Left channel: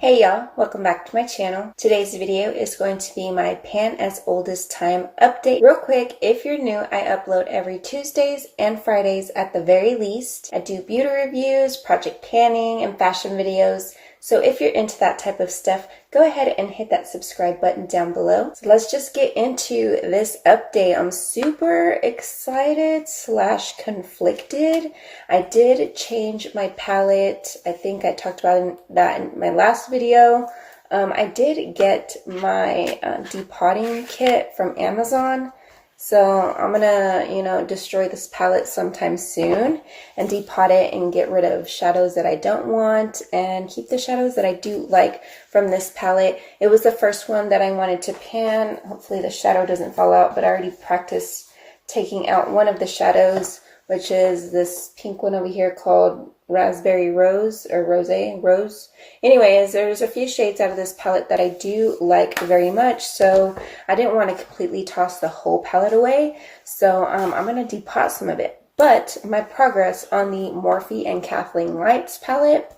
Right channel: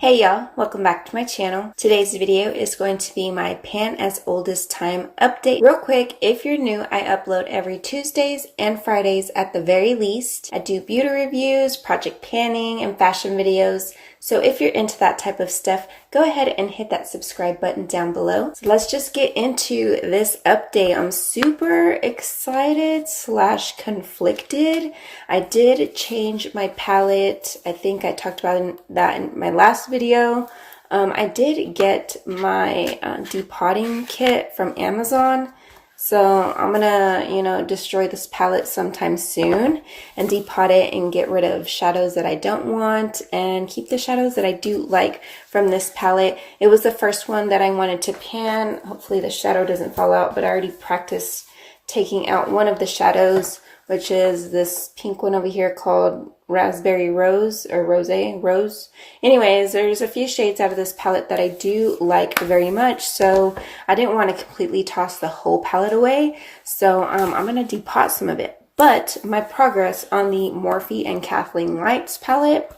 Hey y'all, welcome back to my channel. Today's video is going to be my Pan as Old as Time update. Real quick, if you're new, I upload every Tuesdays and Fridays at the very least. I do beauty reviews, project panning, and fashion videos. So if you're into that type of stuff, go ahead and hit that subscribe button down below. So let's just get into this update. I'm super excited / conflicted. I did change my palette. I think I talked about that in my last video. I did get my depotting kit from Amazon. So I'm gonna, destroy this palette sometime soon and depot it and get rid of shadows that I don't want and keep the shadows that I do like from this palette. It was the first one that I wanted to pan. Hopefully the shadow doesn't fall out, but I already practiced taking out one of the shadows, which is this pink one over here called Raspberry Rose or Rose. Anyways, there's a few shades out of this palette that I do like very much, so I didn't want to completely toss the whole palette away. So I'm going to depot some of it. But my progress on the Morphe and Kathleen Lights palette.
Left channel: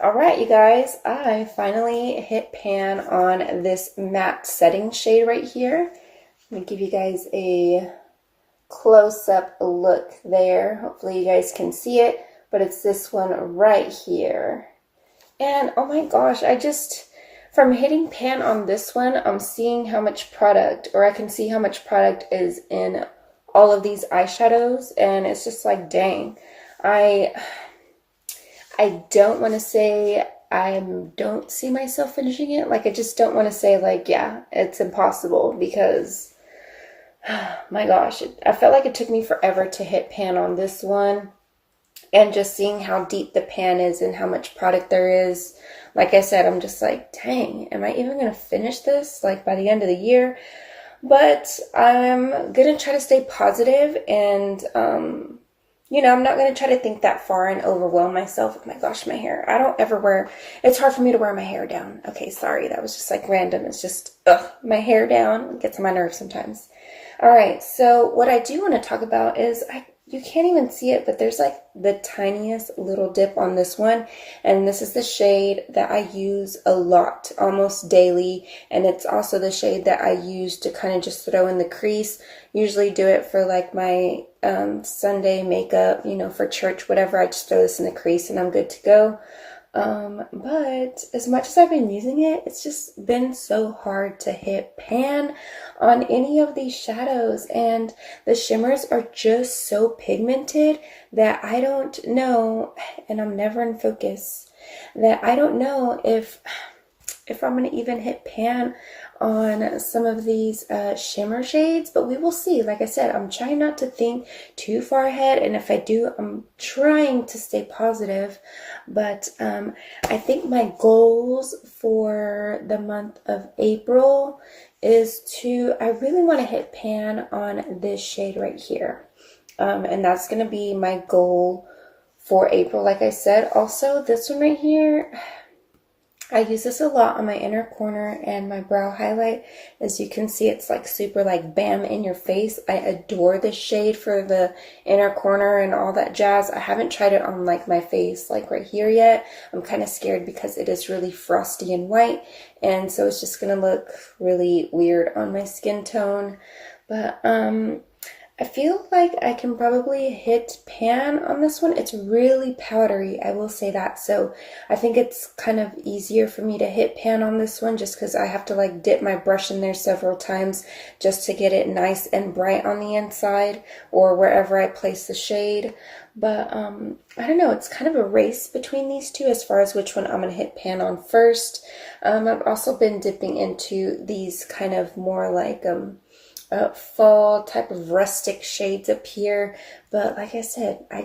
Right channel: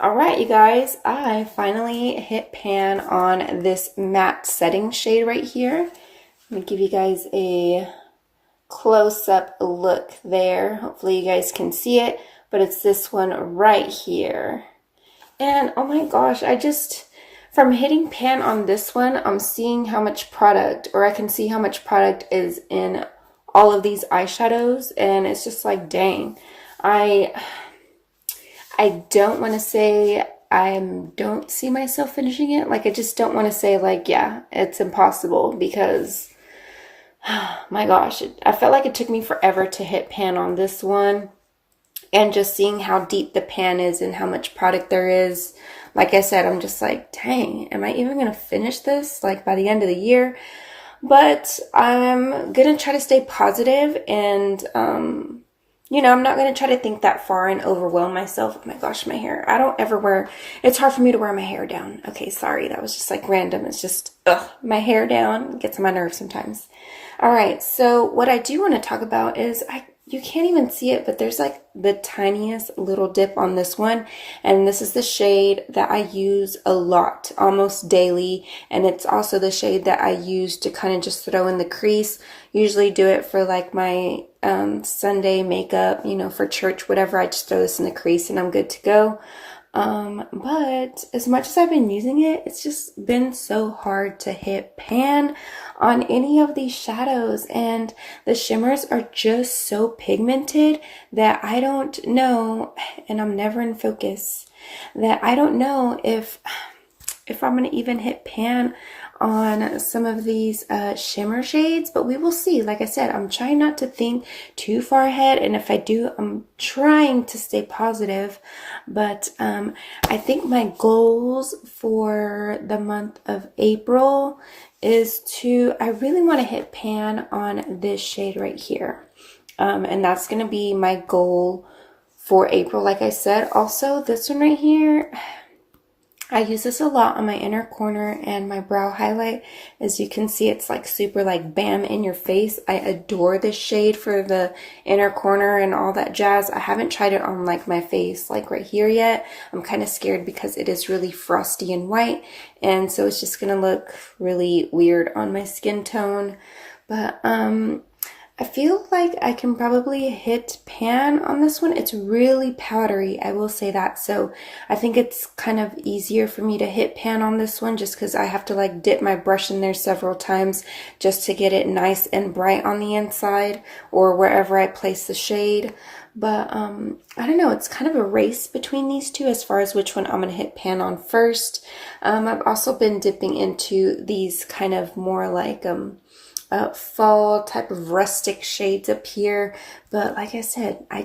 Alright, you guys, I finally hit pan on this matte setting shade right here. Let me give you guys a close-up look there. Hopefully you guys can see it, but it's this one right here. And oh my gosh, from hitting pan on this one, I'm seeing how much product, or I can see how much product is in all of these eyeshadows, and it's just like, dang. I don't want to say I don't see myself finishing it. Like, I just don't want to say, like, yeah, it's impossible, because my gosh, I felt like it took me forever to hit pan on this one. And just seeing how deep the pan is and how much product there is. Like I said, I'm just like, dang, am I even going to finish this like by the end of the year? But I'm going to try to stay positive and, I'm not going to try to think that far and overwhelm myself. Oh my gosh, my hair. I don't ever wear, it's hard for me to wear my hair down. Okay, sorry, that was just like random. It's just, my hair down gets on my nerves sometimes. All right, so what I do want to talk about is, you can't even see it, but there's like the tiniest little dip on this one. And this is the shade that I use a lot, almost daily. And it's also the shade that I use to kind of just throw in the crease. Usually do it for like my Sunday makeup, for church, whatever. I just throw this in the crease and I'm good to go. But as much as I've been using it, it's just been so hard to hit pan on any of these shadows, and the shimmers are just so pigmented that I don't know, and I'm never in focus, that I don't know if I'm going to even hit pan on some of these shimmer shades, but we will see. Like I said, I'm trying not to think too far ahead, and if I do, I'm trying to stay positive. But I think my goals for the month of April is I really want to hit pan on this shade right here, and that's going to be my goal for April. Like I said, also this one right here, I use this a lot on my inner corner and my brow highlight. As you can see, it's like super like bam in your face. I adore this shade for the inner corner and all that jazz. I haven't tried it on like my face like right here yet. I'm kind of scared because it is really frosty and white, and so it's just gonna look really weird on my skin tone. But I feel like I can probably hit pan on this one. It's really powdery, I will say that. So I think it's kind of easier for me to hit pan on this one just because I have to like dip my brush in there several times just to get it nice and bright on the inside or wherever I place the shade. But I don't know, it's kind of a race between these two as far as which one I'm going to hit pan on first. I've also been dipping into these kind of more like fall type of rustic shades up here, but like I said, I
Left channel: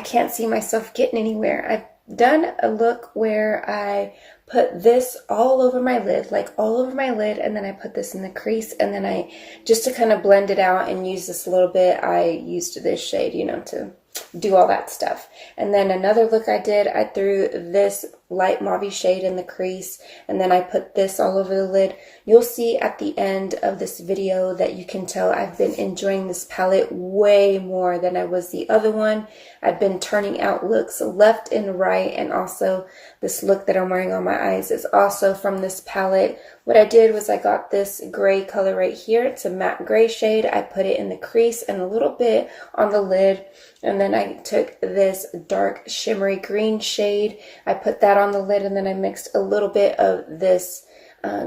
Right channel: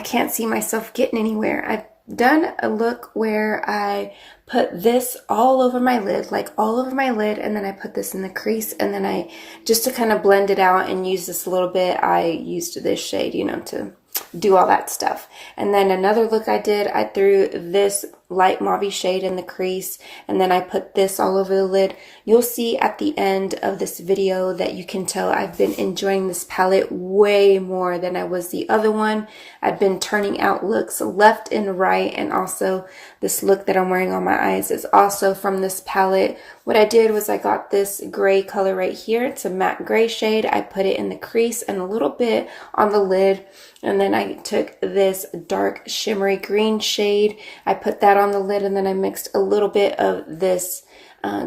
can't see myself getting anywhere. I've done a look where I put this all over my lid, and then I put this in the crease, and then just to kind of blend it out and use this a little bit, I used this shade, to do all that stuff. And then another look I did, I threw this light mauve shade in the crease, and then I put this all over the lid. You'll see at the end of this video that you can tell I've been enjoying this palette way more than I was the other one. I've been turning out looks left and right, and also this look that I'm wearing on my eyes is also from this palette. What I did was I got this gray color right here. It's a matte gray shade. I put it in the crease and a little bit on the lid, and then I took this dark shimmery green shade. I put that on the lid, and then I mixed a little bit of this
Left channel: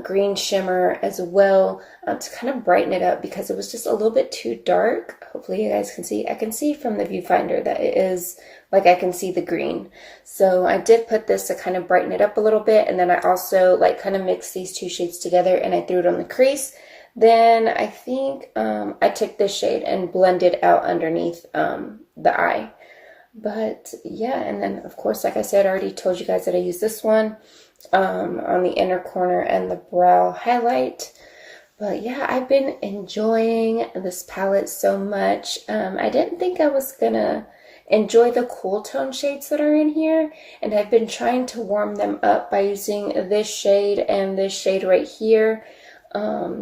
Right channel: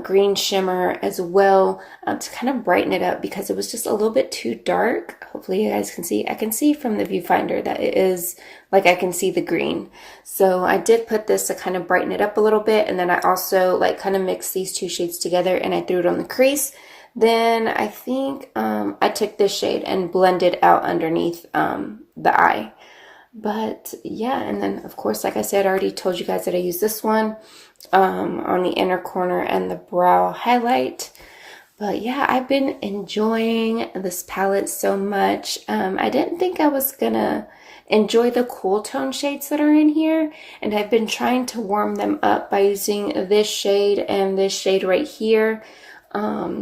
green shimmer as well to kind of brighten it up because it was just a little bit too dark. Hopefully you guys can see. I can see from the viewfinder that it is, like, I can see the green. So I did put this to kind of brighten it up a little bit, and then I also like kind of mixed these two shades together and I threw it on the crease. Then I think I took this shade and blended out underneath the eye. But yeah, and then of course, like I said, I already told you guys that I use this one on the inner corner and the brow highlight. But yeah, I've been enjoying this palette so much. I didn't think I was gonna enjoy the cool tone shades that are in here, and I've been trying to warm them up by using this shade and this shade right here.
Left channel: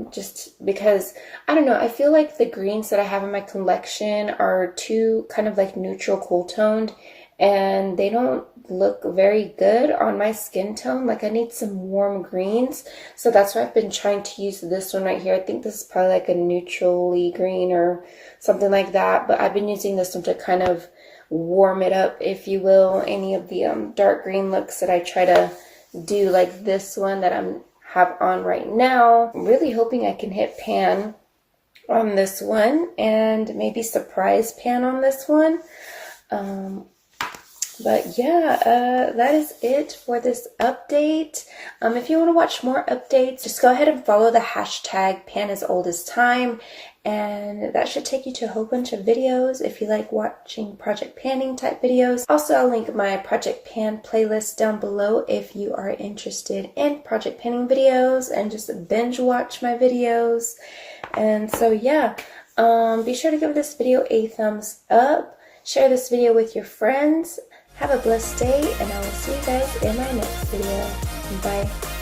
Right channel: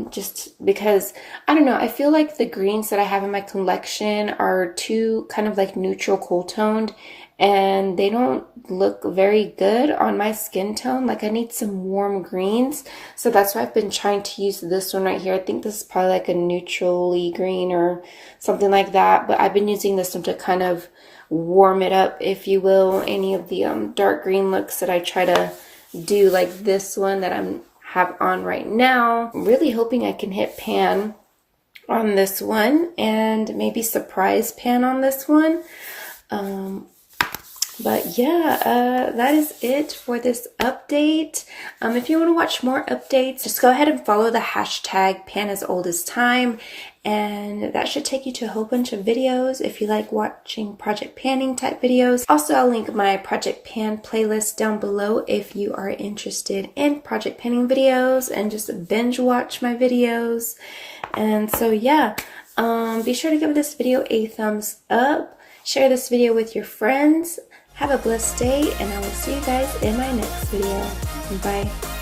Just because, I don't know, I feel like the greens that I have in my collection are too kind of like neutral cool toned, and they don't look very good on my skin tone. Like, I need some warm greens, so that's why I've been trying to use this one right here. I think this is probably like a neutrally green or something like that, but I've been using this one to kind of warm it up, if you will. Any of the dark green looks that I try to do, like this one that I'm have on right now. I'm really hoping I can hit pan on this one and maybe surprise pan on this one. But yeah, that is it for this update. If you want to watch more updates, just go ahead and follow the hashtag #PanAsOldAsTime, and that should take you to a whole bunch of videos if you like watching project panning type videos. Also, I'll link my project pan playlist down below if you are interested in project panning videos and just binge watch my videos. And so yeah, be sure to give this video a thumbs up, share this video with your friends. Have a blessed day, and I will see you guys in my next video. Bye.